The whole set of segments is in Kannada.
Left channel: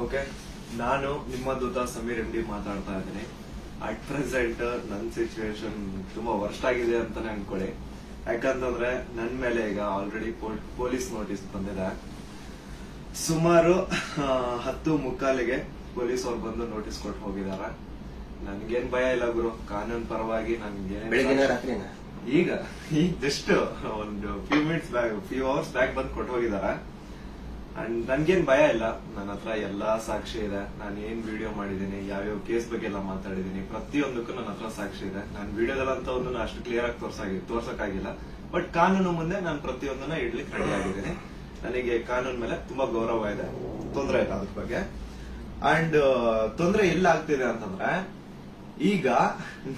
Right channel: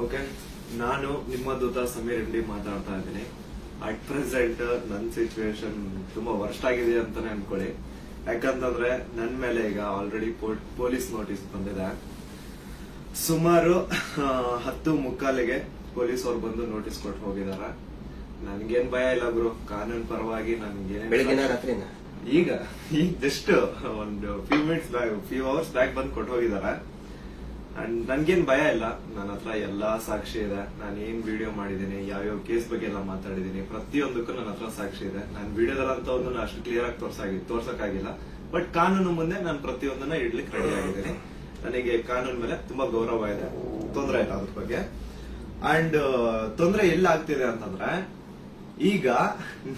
ಓಕೆ, ನಾನು ನಿಮ್ಮ ದೂತ ಸಮೀರ್ ಎಂ ಡಿ ಮಾತಾಡ್ತಾ ಇದ್ದೀನಿ. ಅಟ್ ಪ್ರೆಸೆಂಟ್ ನನ್ನ ಸಿಚುವೇಶನ್ ತುಂಬಾ ವರ್ಸ್ಟ್ ಆಗಿದೆ ಅಂತಾನೆ ಅನ್ಕೊಳ್ಳಿ. ಯಾಕಂತಂದ್ರೆ ನನ್ ಮೇಲೆ ಈಗ ಆಲ್ರೆಡಿ ಪೊಲೀಸ್ ನೋಟಿಸ್ ಬಂದಿದೆ. ಸುಮಾರು 10:45ಗೆ ಪೊಲೀಸ್ ಅವ್ರು ಬಂದು ನೋಟಿಸ್ ಕೊಟ್ಟು ಹೋಗಿದಾರೆ. ನನ್ಗೇನ್ ಭಯ ಇಲ್ಲ ಗುರು, ಕಾನೂನು ಪರವಾಗಿ ನನ್ಗೇನ್ ಈಗ ಜಸ್ಟ್ ಒಂದು ಫ್ಯೂ ಅವರ್ಸ್ ಬ್ಯಾಕ್ ಬಂದು ಕೊಟ್ಟು ಹೋಗಿದಾರೆ. ಅಂಡ್ ನನ್ಗೇನ್ ಭಯ ಇಲ್ಲ. ನನ್ನ ಹತ್ರ ಎಲ್ಲಾ ಸಾಕ್ಷಿ ಇದೆ. ನಾನು ಏನ್ ವಿಡಿಯೋ ಮಾಡಿದೀನಿ, ಯಾವ್ಯಾವ ಕೇಸ್ ಬಗ್ಗೆ ಎಲ್ಲ ಮಾತಾಡಿದೀನಿ, ಪ್ರತಿಯೊಂದಕ್ಕೂ ನನ್ನ ಹತ್ರ ಸಾಕ್ಷಿ ಇದೆ. ನಾನು ವಿಡಿಯೋದಲ್ಲಂತವನ್ನು ಅಷ್ಟು ಕ್ಲಿಯರ್ ಆಗಿ ತೋರ್ಸಕ್ಕಾಗಿಲ್ಲ. ಬಟ್ ಕಾನೂನು ಮುಂದೆ ನಾನು ಪ್ರತಿಯೊಂದನ್ನ ಇಡ್ಲಿಕ್ಕೆ ರೆಡಿ ಆಗಿದ್ದೀನಿ. ನನಗೆ ಕಾನೂನು ಮೇಲೆ ತುಂಬಾ ಗೌರವ ಇದೆ, ತೊಂದರೆ ಇಲ್ಲ ಅದ್ರ ಬಗ್ಗೆ. ಅಂಡ್ ತೊಂದರೆ ಎಲ್ಲ ಆಗ್ತಿದೆ ಅಂತಂದ್ರೆ, ಈಗ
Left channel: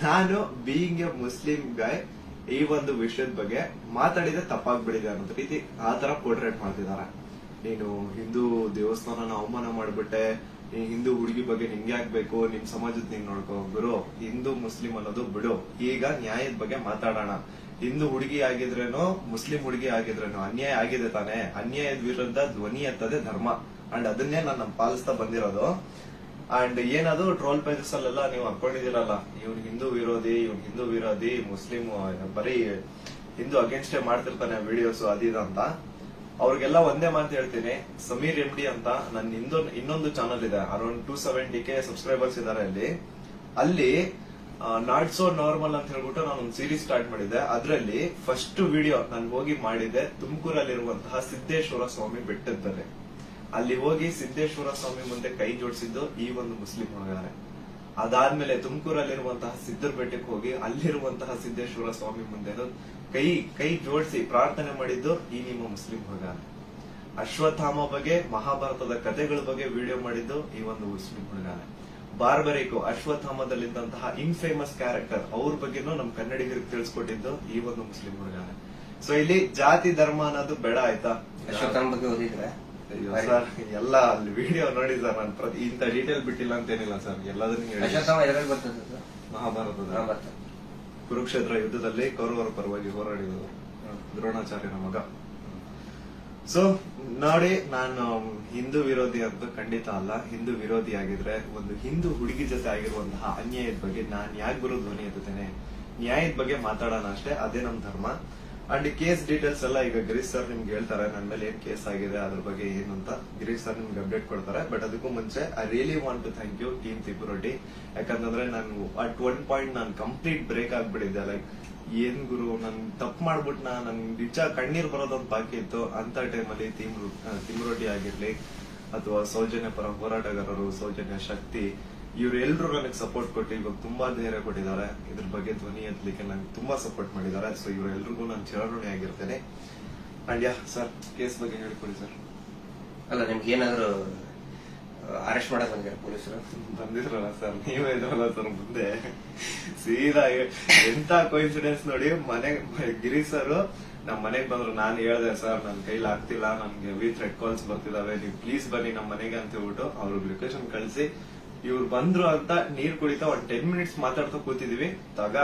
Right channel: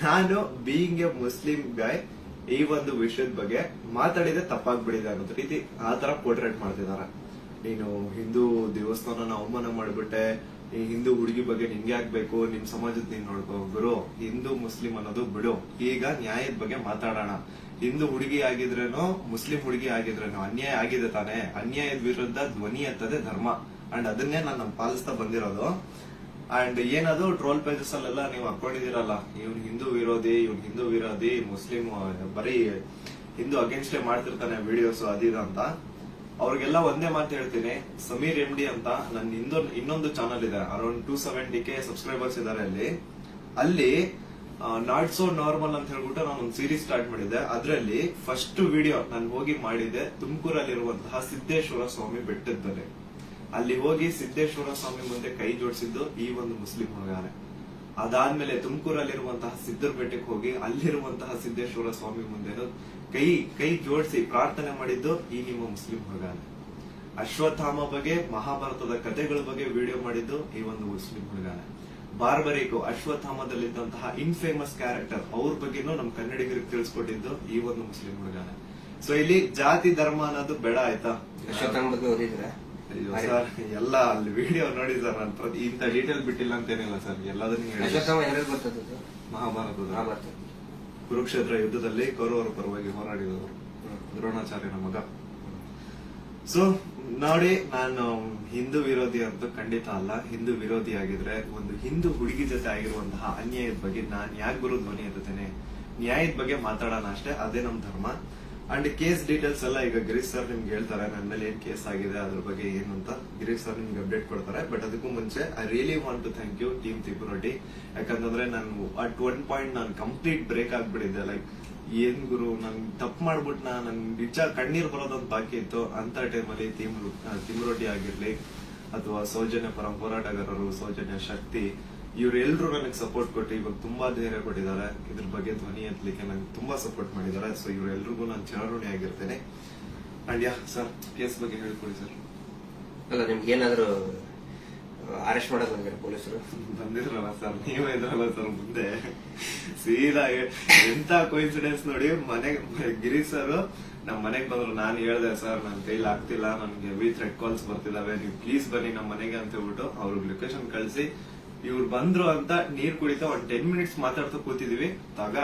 ನಾನು ಬೀಯಿಂಗ್ ಎ ಮುಸ್ಲಿಂ ಗಾಯ್ ಈ ಒಂದು ವಿಷಯದ ಬಗ್ಗೆ ಮಾತಾಡಿದ್ರೆ ತಪ್ಪಾಗ್ಬಿಡಿದೆ ಅನ್ನೋ ರೀತಿ ಆ ತರ ಪೋರ್ಟ್ರೇಟ್ ಮಾಡ್ತಿದ್ದಾರೆ. ನೀನು ಹಿಂದೂ ದೇವಸ್ಥಾನನ ಅವಮಾನ ಮಾಡ್ಬಿಟ್ಟೆ, ಹಿಂದೂ ಹುಡುಗಿ ಬಗ್ಗೆ ನಿಂಗೆ ಆಗ್ಬೇಕು, ನಿಮ್ ಸಮಾಜದ ನೀನ್ ನೋಡ್ಕೋ. ಗುರು, ಹಿಂದೂ ಮುಸ್ಲಿಂ ಅನ್ನೋದು ಬಿಡು. ಈಗ ನ್ಯಾಯದ ಬಗ್ಗೆ ಮಾತಾಡೋಣ. ಹಿಂದೂ ಹುಡುಗಿ ಆಗಿದ್ರೇನೋ ಮುಸ್ಲಿಂ ಹುಡುಗಿ ಆಗಿದ್ರೇನೋ ಅನ್ಯಾಯ ಆಗಿದೆ ತಾನೆ. ಅನ್ಯಾಯದ ವಿರುದ್ಧ ಧ್ವನಿ ಎತ್ತದೆ ಧರ್ಮ. ಅಂಡ್ ಅದನ್ನೇ ನಾನು ಪಾಲಿಸ್ತಾ ಬಂದಿರೋದು. ಅಂಡ್ ಏನದು ಟ್ರೋಲ್ ಪೇಜಸ್ ಅಲ್ಲೆಲ್ಲ ನೀವು ಹಾಕೊಂಡಿದಿರಲ್ಲ, ಇವ್ನ್ ಹಿಂದೂ ವಿರೋಧಿ ಮುಸ್ಲಿಂ ಬರೀ ಹಿಂದೂ ಅಗೇನ್ಸ್ಟ್ ಮಾಡ್ತಿರ್ತಾನೆ ವಿಡಿಯೋಸ್ ಅದಿದ ಅಂತ. ಅವ್ರಿಗೆಲ್ಲ ಒಂದೇ ಮಾತು ಹೇಳ್ತೀನಿ, ಸಮೀರ್ ಎಂ ಡಿ ಅಂತ ನನ್ನ ಇನ್ನೊಂದು ಚಾನಲ್ ಇದೆ. ಅರೌಂಡ್ 270K ಸಬ್ಸ್ಕ್ರೈಬರ್ಸ್ ಇದಾರೆ ಅಲ್ಲಿ ನಾಟ್ ಸೋ ನಾರ್ಮಲ್ ಅಂತ ಹೇಳ್ಬಿಟ್ಟು ನಾನು ಒಂದು ಸೀರೀಸ್ ಸ್ಟಾರ್ಟ್ ಮಾಡಿದ್ದೆ. ಅದರಲ್ಲಿ ಫಸ್ಟ್ ವಿಡಿಯೋ ನಾನು ಹೋಗಿ ಮಾಡಿದ್ದೆ ತುಮಕೂರಲ್ಲಿರುವಂತಹ ಸಿದ್ದೇಶ್ವರ ಸ್ವಾಮಿ ಬೆಟ್ಟದ ಮೇಲೆ. ಅಲ್ಲಿ ಹೋಗಿ ಸಿದ್ದೇಶ್ವರ ಸ್ವಾಮಿ ಮುಂದೆ ಕೈ ಜೋಡಿಸಿದ್ದು ಈ ಒಂದು ಮುಸ್ಲಿಂ ಹುಡುಗಾನೆ. ಅದಾದ್ಮೇಲೆ ತುಮಕೂರಲ್ಲಿರುವಂತಹ ಸಿದ್ದರ ಬೆಟ್ಟಕ್ಕೆ ಹೋಗಿ ಅಲ್ಲಿರುವಂತಹ ಸಿದ್ದೇಶ್ವರ ಸ್ವಾಮಿ ಮುಂದೆ ಕೈ ಜೋಡಿಸಿ ಪ್ರಾರ್ಥನೆ ಮಾಡಿದ್ದು ಈ ನಿಮ್ಮ ಮುಸ್ಲಿಂ ಹುಡುಗಾನೆ. ಅಶ್ವತ್ಥಾಮ ಬಗ್ಗೆ, ಮಹಾಭಾರತದ ಕಥೆಗಳ ಬಗ್ಗೆ ವಿಡಿಯೋ ಮಾಡಿದ್ದು ಈ ಒಂದು ಮುಸ್ಲಿಂ ಹುಡುಗಾನೆ. ಬಾರ್ಬರಿಕು ಅಶ್ವತ್ಥಾಮದಲ್ಲಿದ್ದಂತಹ ಇನ್ಫೇಮಸ್ ಕ್ಯಾರೆಕ್ಟರ್ ಅವ್ರ ಬಗ್ಗೆನೂ ನಮ್ ಕನ್ನಡಿಗರಿಗೆ ತಿಳಿಸ್ಕೊಟ್ಟಿದ್ದು ಈ ಒಂದು ಮುಸ್ಲಿಂ ಹುಡುಗಾನೆ. ಸೊ ಇಲ್ಲಿ ಜಾತಿ ಧರ್ಮ ಅನ್ನೋದು ಬೇಡ, ಆಯ್ತಾ? ಅಶ್ವತ್ಥಾಮ ಬಗ್ಗೆ ಓದಿದ್ರೆ ಸರ್ ಎಲ್ಲ ಅಲ್ಲಿ ವಿಡಿಯೋ ನೋಡಿ ಸರ್. ನಾನು ಇಂತ ಡೀಟೇಲ್ ಬಿಟ್ಟಿಲ್ಲ ಅಂತೇನಿಲ್ಲ ಸರ್, ಎಲ್ಲದನ್ನೂ ಮಹಾಭಾರತದ ಕುರುಕ್ಷೇತ್ರ ಯುದ್ಧದಲ್ಲಿ ಕೌರವರ ಪರವಾಗಿ ಹೋರಾಡಿದವರು ದ್ರೋಣಾಚಾರ್ಯನ ಮಗ. ಸೊ ನೋಡಿ, ನಾನು ಹಿಂದೂ ವಿರೋಧಿ ಅಂತೂ ಖಂಡಿತ ಅಲ್ಲ. ಹಿಂದೂ ವಿರೋಧಿ ಆಗಿದ್ರೆ ಒಂದು ಹಿಂದೂ ಹುಡುಗಿ ಜೊತೆ ಆಗಿರುವಂತಹ ಅನ್ಯಾಯದ ಬಗ್ಗೆ ನಾನ್ ಯಾಕೆ ಗುರು ಧ್ವನಿ ಎತ್ತುತ್ತೇನೆ? ನ್ಯಾಯದ ಬಗ್ಗೆ ಮಾತಾಡೋಣ ಅಷ್ಟೇ, ಅದೇ ನಮ್ ಧರ್ಮ. ಅಂಡ್ ಕೇಸ್ ಡೀಟೇಲ್ಸ್ ಎಲ್ಲ ಈಗ ಗಿರೀಶ್ ಸರ್ ನಿಮ್ಗೆ ಹೇಳ್ತಾರೆ, ನನ್ನ ಮೇಲೆ ಏನ್ ಕೇಸ್ ಆಗಿದೆ ಅದ್ರ ಬಗ್ಗೆ ಏನು ಅಂತ ಗಿರೀಶ್ ಸರ್ ನಿಮ್ಗೆ ಅಪ್ಡೇಟ್ ಕೊಡ್ತಾರೆ. ಬಟ್ ಅದಕ್ಕೂ ಮುಂಚೆ I really want to thank you team ತಿಪುರೊಡ್ಡಿ. ಯಾಕಂತಂದ್ರೆ ನಾನು ಅಟ್ ಒನ್ ಪಾಯಿಂಟ್ ನಾನು ಕಂಪ್ಲೀಟ್ ಬ್ರೇಕ್ ಆಗ್ಬಿಟ್ಟಿದ್ದೆ. ಲೈಕ್ ಏನ್ ಗುರು, ನನ್ ತಪ್ಪು ಮಾಡ್ಬಿಟ್ನ, ನನ್ ನಿಜ ಕಣ್ಣೀರ್ ಬರೋದೊಂದು ಬಾಕಿ ಇತ್ತು. ಅಂತ ಟೈಮಲ್ಲಿ ತಿಮುರೊಡ್ಡಿ ಆಗಿರ್ಲಿ ಅಥವಾ ಸೌಜನ್ಯ ಪರ ಹೋರಾಟಗಾರರು, ಸೌಜನ್ಯ ಶಕ್ತಿ, ಇವರೆಲ್ಲರೂ ನನಗೆ ಸಪೋರ್ಟ್ ಕೊಟ್ಟು ಇವಾಗ ತುಂಬಾ ಧೈರ್ಯ ಕೊಟ್ಟಿದ್ದಾರೆ. ಇದ್ರ ಬಗ್ಗೆ ಧ್ವನಿ ಎತ್ತಲಿಕ್ಕೆ ನಂಗೆ ತುಂಬಾ ಸಪೋರ್ಟ್ ಮಾಡಿದ್ದಾರೆ. ಸೊ ಇವರೆಲ್ಲರಿಗೂ ನಾನು ಚಿರಋಣಿ ಆಗಿರ್ತೇನೆ. ಅಂಡ್ ಸರ್, ಕೇಸ್ ಬಗ್ಗೆ ಹೇಳ್ಕೊಡಿ ಸರ್. ಅಲ್ಲ, ನಿಮ್ಗೆ ಏನಾದ್ರು ಅರೆಸ್ಟ್ ಮಾಡಕ್ ಬಂದಿದ್ದಾರೆ ಪೊಲೀಸರು? ಬಂದಿದ್ರಲ್ಲ ಸರ್, ನೀವೇ ಇದ್ರಲ್ಲ ಸರ್ ಮುಂದೆ. ಸೀದಾ ಎಂತ ಕೋಇನ್ಸಿಡೆನ್ಸ್ ನೋಡಿ, ಗಿರೀಶ್ ಸರ್ ನಮ್ ಮನೆಗ್ ಬಂದ್ರು. ನಾನು ಹೇಳ್ದೆ, ಸರ್ ನನ್ ಕೈಲಿ ಆಗ್ತಿಲ್ಲ, ನನ್ಗೆ ಹೆವಿ ಥ್ರೆಡ್ ಕಾಲ್ಸ್ ಬರ್ತಿದಾವೆ, ನೀವು ಪ್ಲೀಸ್ ಬನ್ನಿ ನಮ್ ಮನೆಗೆ ಅಂತ ಹೇಳ್ಬಿಟ್ಟು ಅವ್ರಿಗೆ ಲೊಕೇಶನ್ ಕಳಿಸಿ ಇವ್ರು ಬಂದ್ರು ಅಂತ ನೀರ್ ಕುಡಿತಾ ಒಂದ್ 10 ಮಿನಿಟ್ಸ್ ಮಾತಾಡ್ತಾ ಕೂತಿದೀವಿ.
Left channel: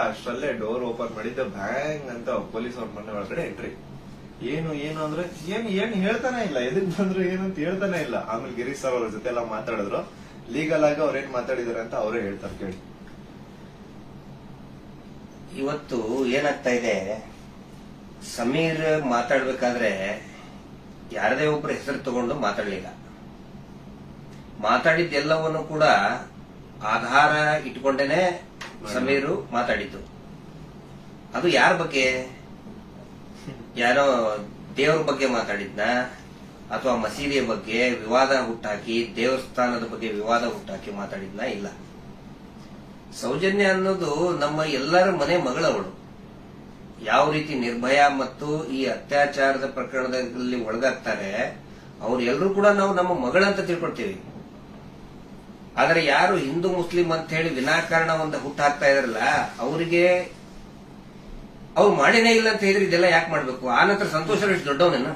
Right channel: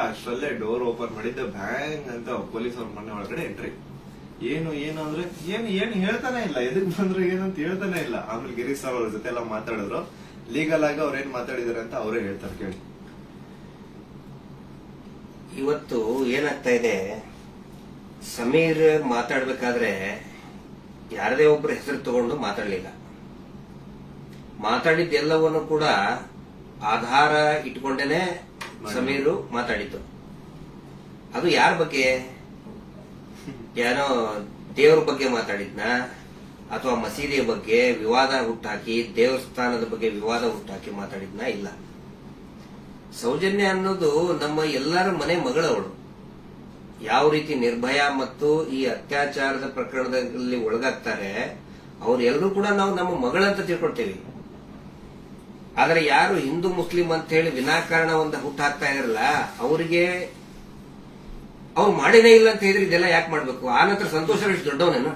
ಅಷ್ಟರಲ್ಲೇ ಡೋರ್ ಓಪನ್ ಮಾಡಿದ್ದ, ಬ್ಯಾಂಗ್ ಅಂತ ಪೊಲೀಸ್ ಅವ್ರ ಮನೆ ಒಳಗಡೆ ಎಂಟ್ರಿ. ಏನು ಅಂದ್ರೆ ಏನು ಹೇಳ್ತಾನೆ ಇಲ್ಲ, ಎದಕ್ ಬಂದ್ರು ಏನಂತ ಹೇಳ್ತಾನೆ ಇಲ್ಲ. ಆಮೇಲೆ ಗಿರೀಶ್ ಸರ್ ಅವ್ರ ಜೊತೆ ಎಲ್ಲ ಮಾತಾಡಿದ್ರು. ಲೀಗಲ್ ಆಗಿ ಅವ್ರೇನ್ ಮಾತಾಡಿದಾರೆ ಅಂತ ಅವರೇ ಹೇಳ್ತಾರೆ, ಕೇಳಿ. ಇವತ್ತು ಏನಾಗ್ತಾ ಇದೆ, ಸಮೀರ್ ಮಾತಾಡ್ಬೇಕಾದ್ರೆ ಯಾರದೇ ಒಬ್ಬರ ಹೆಸರು ತಗೊಂಡು ಮಾತಾಡ್ಲಿಲ್ಲ. ಮಾತಾಡಿದ್ದೆಲ್ಲವನ್ನು ಕೂಡ ಆಧಾರ ಇಟ್ಕೊಂಡೇನೆ ಸಮೀರು ಮಾತಾಡಿದ್ದು. ಅದು ಯಾರ ಬಗ್ಗೆ? ಯಾರೋ ದೇವರ ಬಗ್ಗೆ ಮಾತಾಡಿದ್ನ, ಅಥವಾ ಮಸೀದಿಯ ಬಗ್ಗೆ ವಿವಾದ ಹುಟ್ಟಾಕಿ, ದೇವಸ್ಥಾನದ ಬಗ್ಗೆ ವಿವಾದ ಹುಟ್ಟಾಕಿ ಮಾತಾಡಿದ್ನ? ಇಲ್ಲ. ಸೌಜನ್ಯ ಅನ್ನೋದು ನಮ್ಮ ಎಲ್ಲರ ಮನೆ ಮಗಳವಳು. ಯಾವ ರೀತಿ ನಿರ್ಭಯ ಮತ್ತು ಈ ಅತ್ಯಾಚಾರದ ಪ್ರಕರಣದಲ್ಲಿ ಒಳಗಾಗ್ತಾರೆ, ಅವ್ರೆಲ್ಲರೂ ಕೂಡ ನಾವು ನಮ್ಮ ಮಗಳಂತ ತಿಳ್ಕೊಳ್ತೇವೆ. ಆದರೆ ಯಾರು ಹಿಂದೂ ಮುಸ್ಲಿಂ ಅಂತ ಹೇಳಿ ವಿನಾಕಾರಣ ಒಂದು ಹುಟ್ಟು ಹಾಕ್ತಾ ಇದಾರಲ್ಲ, ಅವರಿಗೆ ಅವ್ರು ಮಾಡೇನೇ ಇಲ್ಲ ಅಂತ ಹೇಳಿದ್ರೆ ಇದೆಲ್ಲ ಯಾಕೆ ಮಾಡ್ಬೇಕು? ಆ ನಂತರ ಸಂತೋಷರಾವ್ ಎಷ್ಟು ದೊಡ್ಡವನೇನ?